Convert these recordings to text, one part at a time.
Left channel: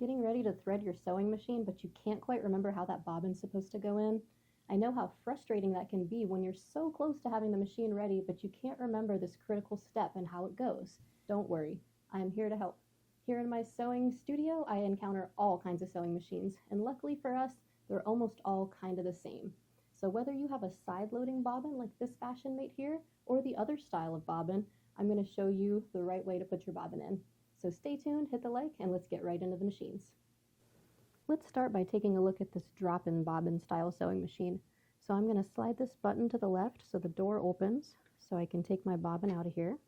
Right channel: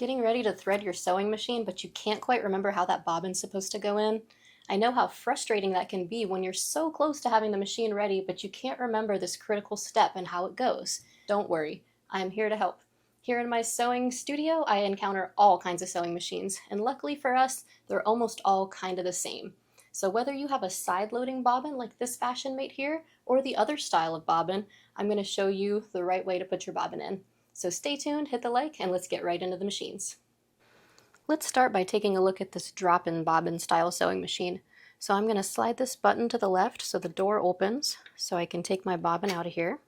Getting ready to thread your sewing machine, but you can't quite remember how that bobbin's supposed to go in? I know how frustrating that can be when you're so close to having the machine ready, but you can't remember this critical step and how it goes. Don't worry, I am here to help. Here in my sewing studio, I encounter all kinds of sewing machines, and luckily for us, they're almost all kind of the same. So whether you have a side-loading bobbin like this fashion mate here, or the other style of bobbin, I'm going to show you the right way to put your bobbin in. So stay tuned, hit the like, and let's get right into the machines. Let's start by taking a look at this drop-in bobbin style sewing machine. So I'm going to slide this button to the left so the door opens so I can take my bobbin out of here.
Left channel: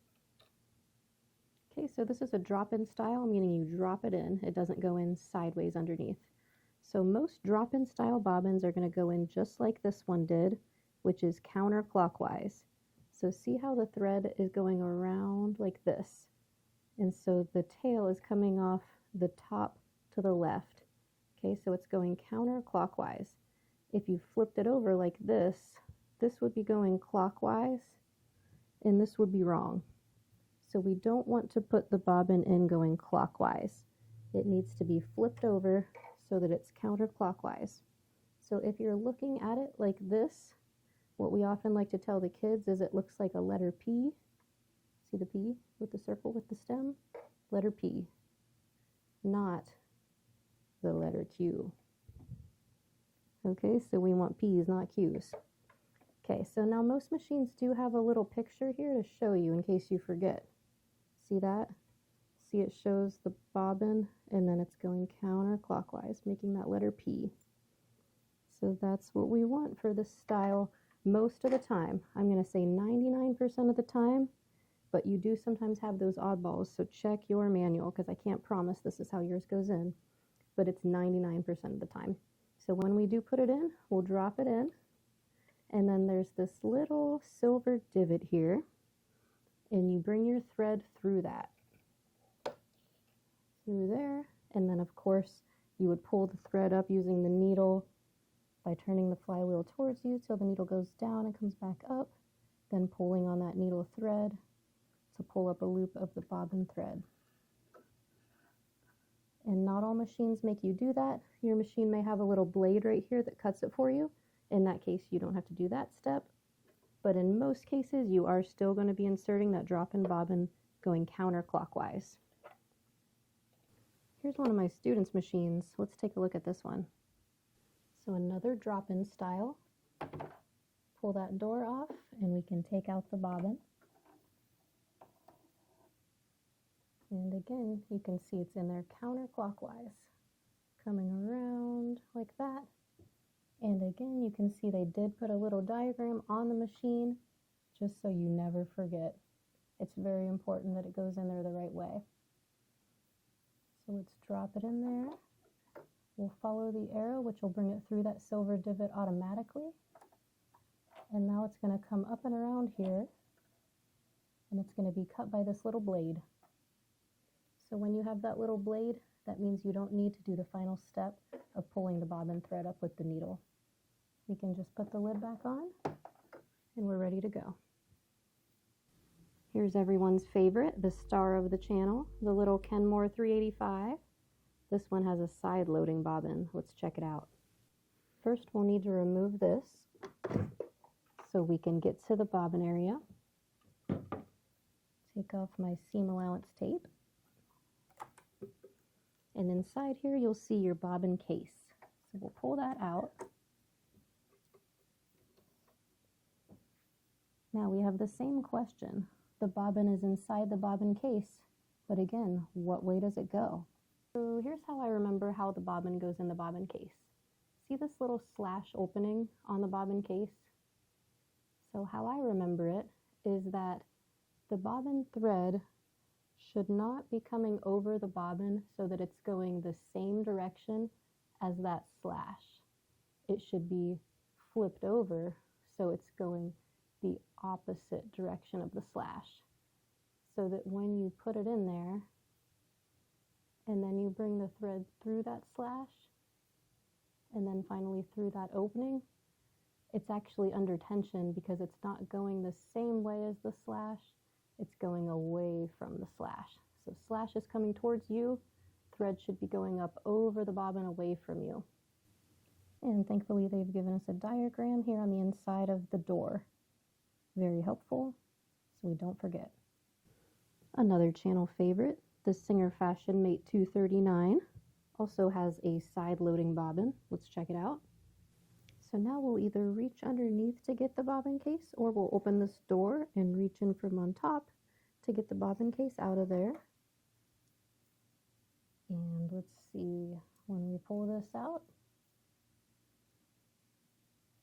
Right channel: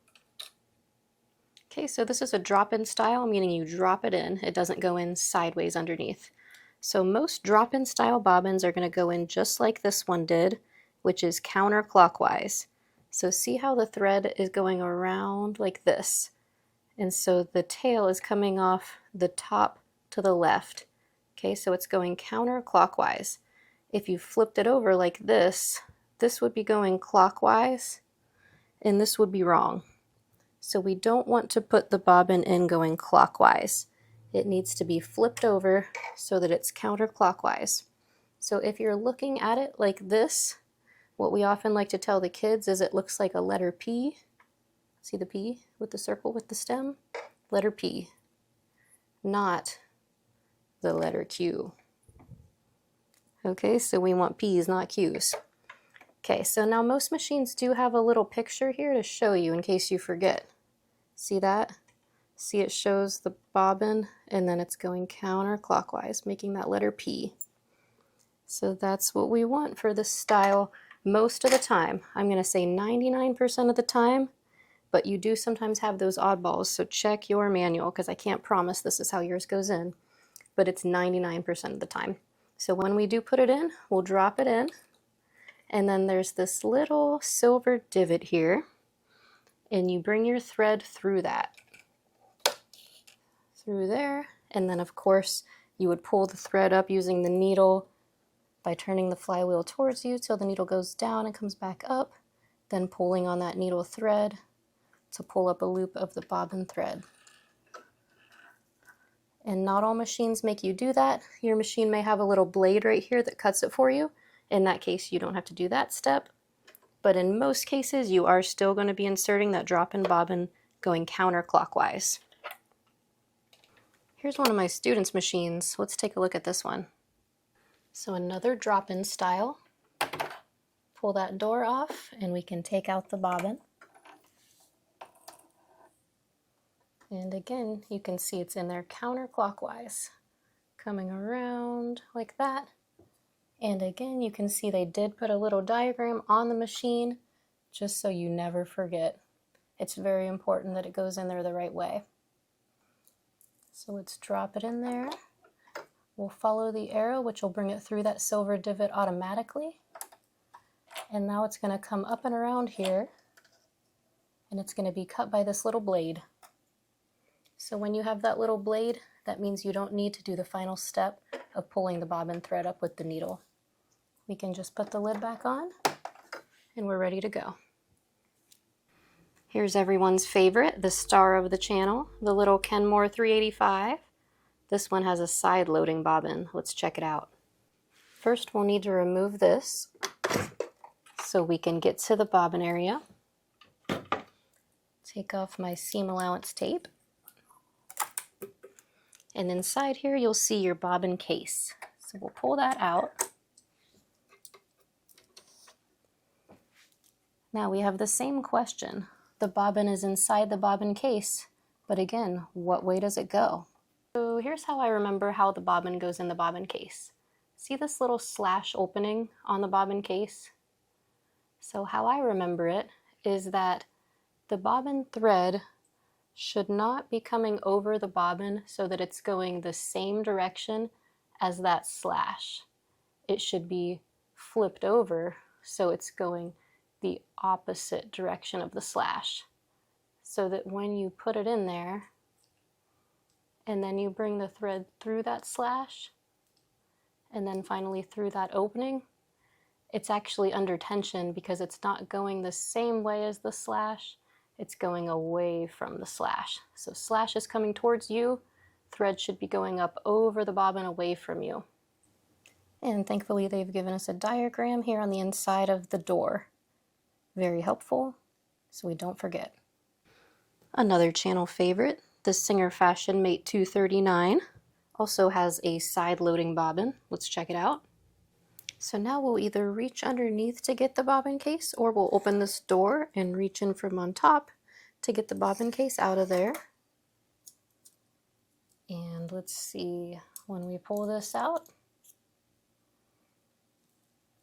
Okay, so this is a drop-in style, meaning you drop it in. It doesn't go in sideways underneath. So most drop-in style bobbins are going to go in just like this one did, which is counterclockwise. So see how the thread is going around like this. And so the tail is coming off the top to the left. Okay, so it's going counterclockwise. If you flipped it over like this would be going clockwise, and this would be wrong. So we don't want to put the bobbin in going clockwise. It needs to be flipped over so that it's counterclockwise. So if you're looking at it like this, what we often like to tell the kids is it looks like a letter P. See the P with the circle with the stem? Letter P, not the letter Q. Okay, so we want P's, not Q's. Okay, so now most machines do have a little picture here to show you in case you forget. See that? See, it shows the bobbin and then it's going counterclockwise, making that letter P. So that's what we want for this style most of the time. I'm going to say 99% of the time, but you do sometimes have those oddballs, so check your manual because I can't promise this is how yours goes in, but it's 99% of the time. So when we do put it in, we'll drop it in, and then there's this little silver divot here, and you bring your thread through that. Through there, and then of course you would pull the thread up using the needle by turning the flywheel towards you till the needle goes down and comes back up, then pulling on that needle thread to pull up a loop of the bobbin thread. And not all machines make you do that. Your machine may have a little blade right here that cuts it for you. In that case, you don't have to do that step. But in most cases, you are still going to be inserting that drop-in bobbin going counterclockwise. Here's one of my students' machines. Let's take a look at this one. So another drop-in style. Pull that door off and we can take out the bobbin. And again, you can see it's in there counterclockwise, coming around like that. And again, you can see they did put a little diagram on the machine just so you never forget. It's very important that it goes in there the right way. So let's drop it in there. We'll follow the arrow, which will bring it through that silver divot automatically. And now it's going to come up and around here, and it's going to be cut by this little blade. So when you have that little blade, that means you don't need to do the final step of pulling the bobbin thread up with the needle. We can just put the lid back on, and we're ready to go. Here's everyone's favorite, the star of the channel, the little Kenmore 385. This one has a side-loading bobbin. Let's check it out. First, we'll need to remove this so we can get to the bobbin area. Take off my seam allowance tape. And inside here, you'll see your bobbin case. So we'll pull that out. Now we have the same question. The bobbin is inside the bobbin case, but again, what way does it go? So here's how I remember how the bobbin goes in the bobbin case. See this little slash opening on the bobbin case? So how I remember it is that the bobbin thread should not be coming over the bobbin so that it's going the same direction as that slash. It should be flipped over so it's going the opposite direction of the slash, so that when you put it in there and then you bring the thread through that slash and then finally through that opening, it's actually under tension because it's not going the same way as the slash, it's going away from the slash. So slash is coming towards you, thread should be going up over the bobbin away from you. And thankfully they've given us a diagram here on the inside of the door. Very helpful, so we don't forget. Another channel favorite, the Singer Fashion Mate 239, also has a side loading bobbin. Let's check it out. So now we'll either reach underneath to get the bobbin case, or we'll open this door and reach in from on top to get the bobbin case out of there. And let's see, when we pull this out,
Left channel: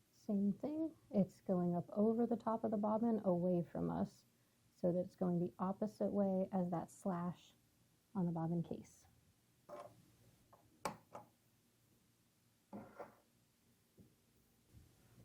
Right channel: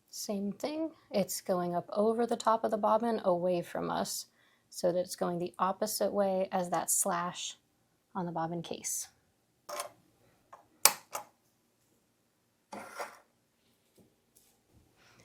same thing. It's going up over the top of the bobbin away from us so that it's going the opposite way as that slash on the bobbin case.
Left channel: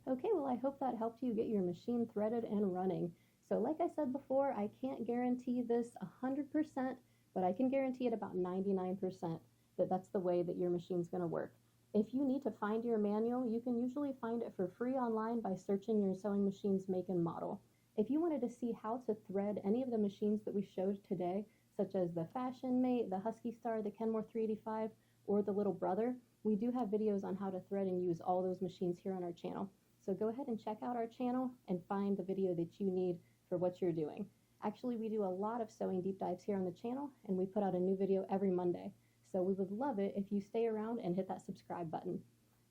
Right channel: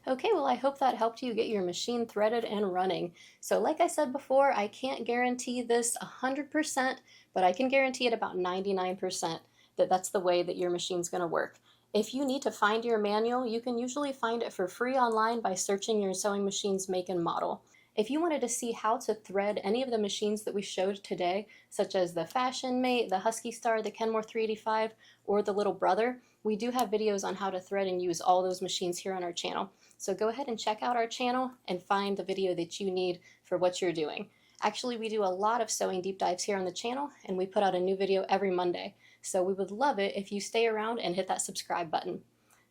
Okay, well, I hope that helped you get your machine threaded and running. So like I said before, I can't guarantee this 100%, but I can guarantee it about 99% that that's the way that your machine's gonna work. If you need to find your manual, you can usually find it for free online by searching your sewing machine's make and model. If you wanted to see how to thread any of the machines that we showed today, such as the Fashion Mate, the Huskystar, the Kenmore 385, or the Little Brother, we do have videos on how to thread and use all those machines here on our channel. So go ahead and check out our channel and find the video that you need for what you're doing. Actually, we do a lot of sewing deep dives here on the channel, and we put out a new video every Monday. So we would love it if you stay around and hit that subscribe button.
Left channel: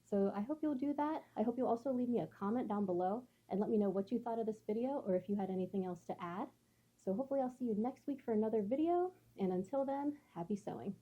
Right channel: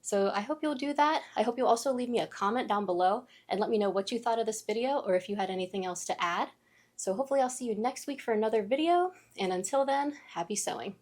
So I hope you'll do that. I hope you'll also leave me a comment down below and let me know what you thought of this video or if you had anything else to add. So hopefully I'll see you next week for another video, and until then, happy sewing.